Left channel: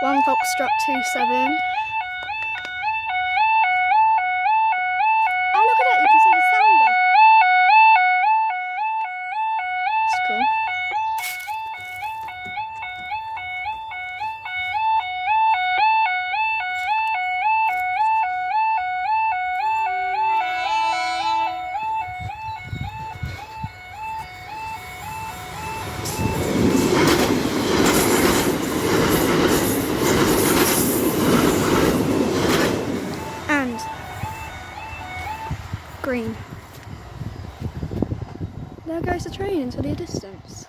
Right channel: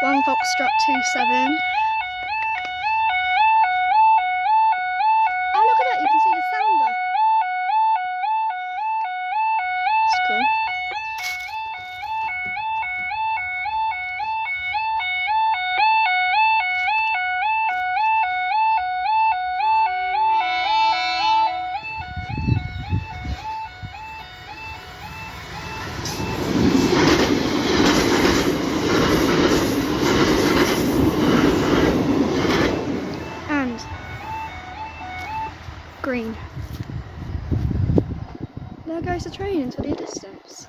1 Foxtrot 27. Oh, look at that, you can see the sounder. It's cool. And green. There goes the train into the distance.